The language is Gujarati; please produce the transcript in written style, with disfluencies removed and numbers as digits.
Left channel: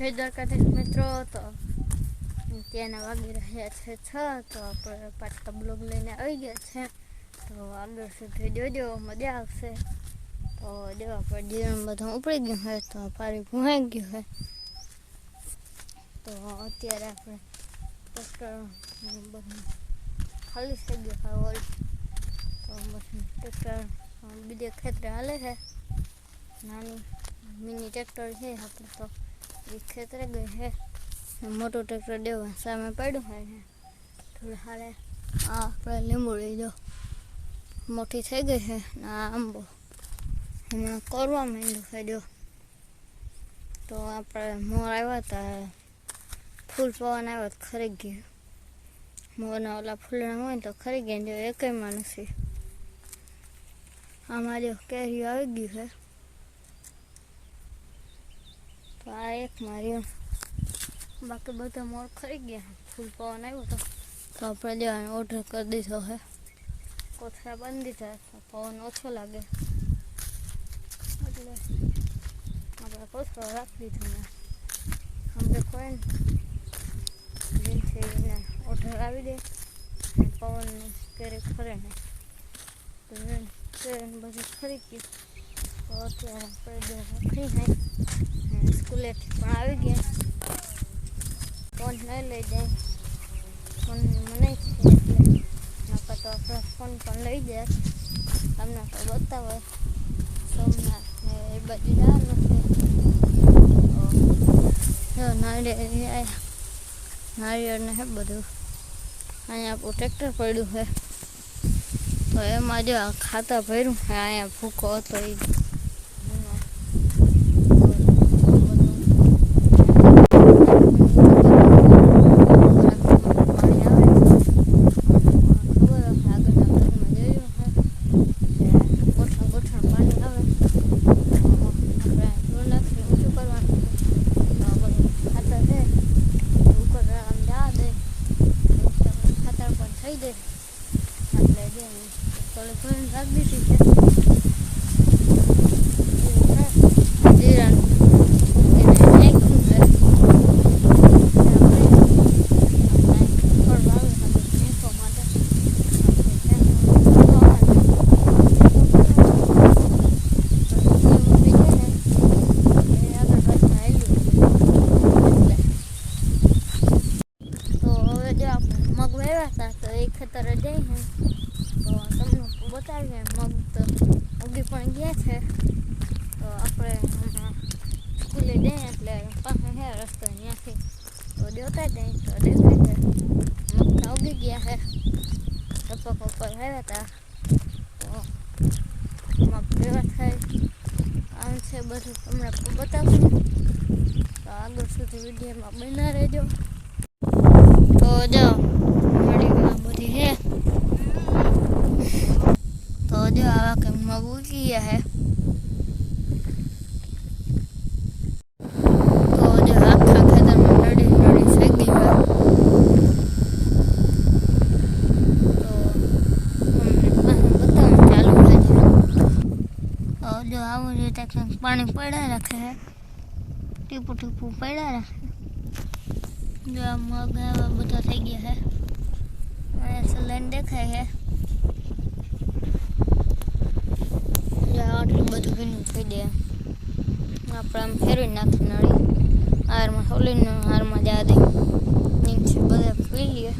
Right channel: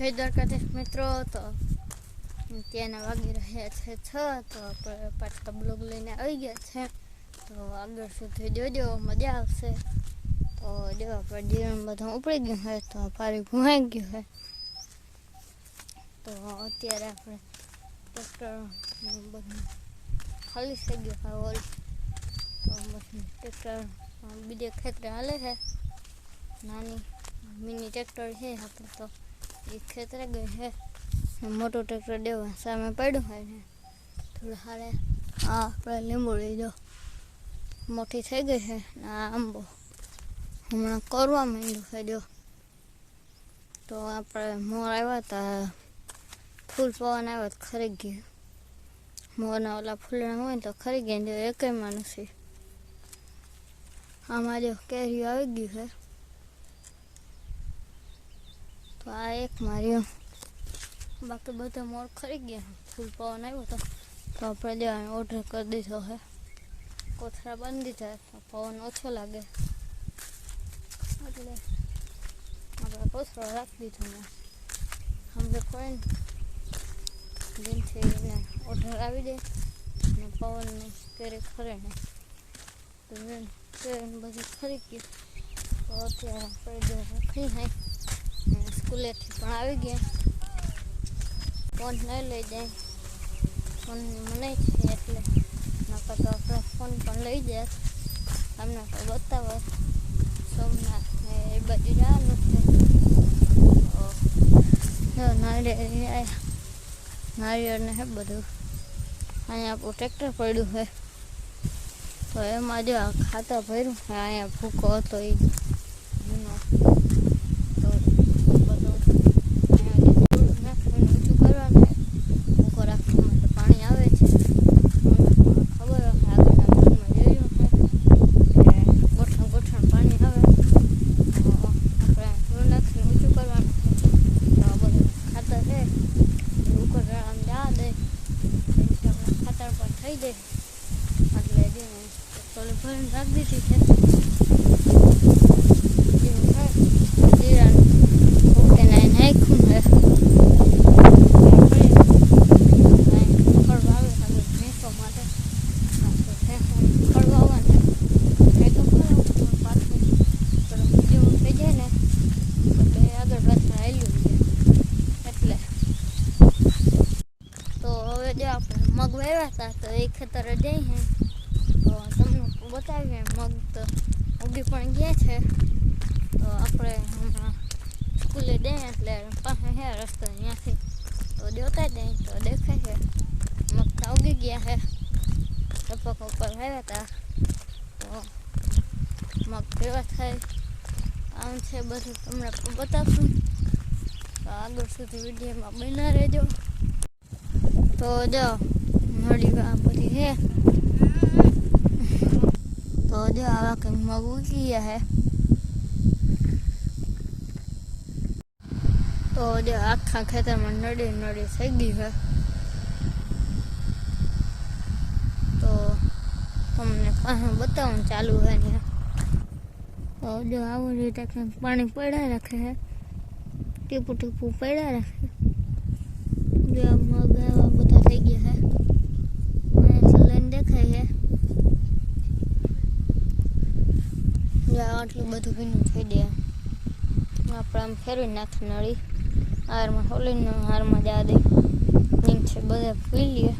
જય દ્વારકાધીશ મિત્રો. તો ત્યાંના વાગી રહ્યા છે 6. તો આપણે પાછા બ્લોગ લઈને આવી ગયા છે. તો આગળ સુધી જોજો, મજા આવશે. તો જો આપણે જીવન બધું ઉપડી ગયું હોય, તો પારી ભૂહાઈ ગયું હોય. તો અત્યારે આપણે ટ્રેક્ટર બધું ખાલી થઈ ગયું હોય હોલ. તો બધું ટ્રેક્ટર બીજે ખેતરે હાલે છે. નાની મિની ટ્રેક્ટર છે આપણે, તો એ ખેતરે ગઈ છે. મોટું ટ્રેક્ટર દેવા સામે પડ્યું હોય ને થોડું હાલે. આપણે લીંબુ લઈ દો, મોટી થઈ ગઈ છે. આ આંબો હમણાં કરવા માંડ્યું છે. જો તો આપણે મોર આવ્યા હતા, ફૂલ પવન આવ્યો તો ખરી ગયું. મોરના ઓલા ફૂલના હોય તો ખરી ગયા, જો એકમાં નથી. આમાં જો કેરી આવી ગયું છે. તો આ એક માર્યું, બાકી બધા મોર ખરી ગયા. ફૂલ પવન આવ્યો તો આપણે દેવાનો ઓર્ડર કરી દીધો છે. કોથળા બાંધી દીધા, પવન ઓછો લાગે એટલે આપણે કોથળો રાખી દીધો ને અમને કોઈ દિનથી એને ઓર્ડર આવી દે ને પવનનું કેરી ખરે ને તો કેરીને બધું ખરી ગયું. તો અત્યારે કોઈ દે રાખી નહીં ને સ્કૂલેથી પણ આવી ગયા. ફોન નહીં લઈ જાય, ફોનની મનાઈ છે એટલે નકર તો આપણે ફોન પણ લઈ જાય. તમને તો બતાવે સોમનાથ ને એ બાજુ જવાનું છે. તો નારિયેળ ને હે બધું અહીંયા આપણું ટ્રેક્ટર પડ્યું છે. તો એમાં જો આ ખાતા ભર્યું છે. અહીંયા ભૂકો હતો એ થઈ દે એટલે જે થોડી ભરીને રાખી દીધી છે. જીરા મૂકીને નાખ્યું છે. ખડ વાવે ખાલી ભેંસો માટે થઈ જાય ને એટલે આગળ પાછળ આવ્યું છે. એટલે તો હવે જો આપણે મગ વાવ્યા હતા, તો એ ખેતરે જઈ છે. તો તમને બતાવીએ, મગ તો ઉગી પણ ગયા છે. તો આપણે હમણાં સ્કૂલે જઈએ એટલે પાસે છે રસ્તો, ત્યાંથી તો જોતા જઈએ તો દેખાય છે મગ તો ઉગી ગયા છે. ટપક ઉપર આવ્યા હતા તો મગ કેવા થાય આમ છે બધું તમને બતાવશું. તો આગળ સુધી વિડીયોમાં બના રહેજો. તો જો મળી આ બધી છે. તો જો આવા કંઈક મગ ઉગી ગયા છે. તો જો આખા ખેતરમાં નડી થઈ ગઈ હોય. તો અમને બતાવવાનું ચાલુ થાય છે. તો જો આવું રીતે કંઈક પાણી પડ્યા રાખે છે, ટીપું ટીપું પડ્યા રાખે. જો આ મગ આવા બધા થઈ ગયા છે. અહીંયા લાઈન દેખાય છે. જો આટલું બધું ભીનું થઈ જાય. આપણે આમ ફેરવી નાખી નળી હારમાં સોલીને હારમાં જા દે નીચે બધા પી લઈએ.